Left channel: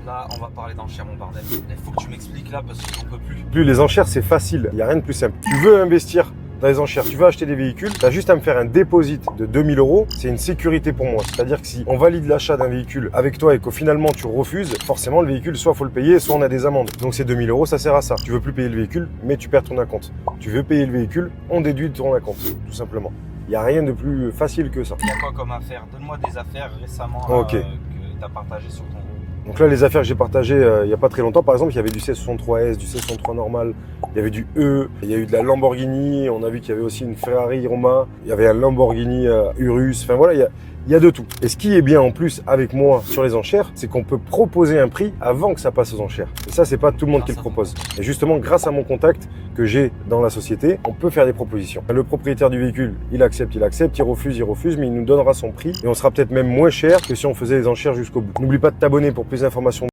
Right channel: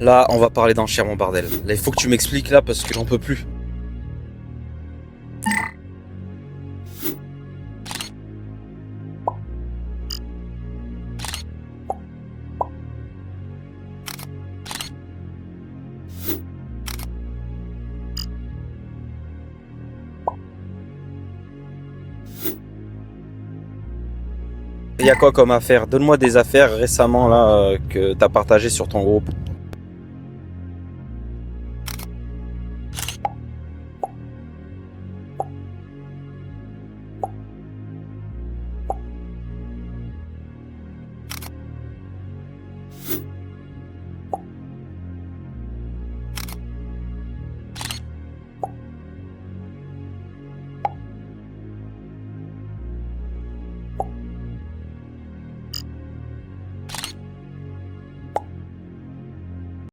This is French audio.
Là, on va parler d'enchères, mon bordel. Là, il faut que tu m'expliques là parce que j'en peux plus. Plus les enchères, c'est facile. Il n'y a rien de plus simple. Tu veux investir dans les enchères, tu veux acheter des véhicules, tu as juste à me faire un dépôt de 2000 euros. C'est une sécurité pour moi. C'est-à-dire que si on valide l'achat d'un véhicule avec toi et qu'au finalement tu refuses, forcément le véhicule, soit il faut le payer, soit on a des amendes. Donc ces 2000 euros, ça sert à ça. Tu veux plus payer le véhicule, mais tu perds ton acompte. Tu veux payer le véhicule, on déduit de ton acompte, tout simplement. Il n'y a rien de plus facile que ça. Il y a quoi comme affaire? Donne-moi des affaires récemment là, Ok. que tu as partagées sur ton groupe. Donc là, les affaires que j'ai partagées il n'y a pas très longtemps, par exemple, il y avait du C63S, du C63 normal, il y avait du E, il y a eu de la Lamborghini, on a vu qu'il y avait aussi une Ferrari Roma, il y avait un Lamborghini Urus, enfin voilà, il y a de tout. Et ce qui est bien en plus avec moi sur les enchères, c'est qu'on peut proposer un prix avant que ça passe aux enchères. Et ça, c'est pas tout le monde qui le propose. Et justement, grâce à mon contact que j'ai dans la société, on peut faire des propositions. Le propriétaire du véhicule, il accepte, il refuse, mais il nous donnera son prix et on sera peut-être même moins cher que si on faisait les enchères jusqu'au bout. N'oublie pas de t'abonner pour plus d'informations.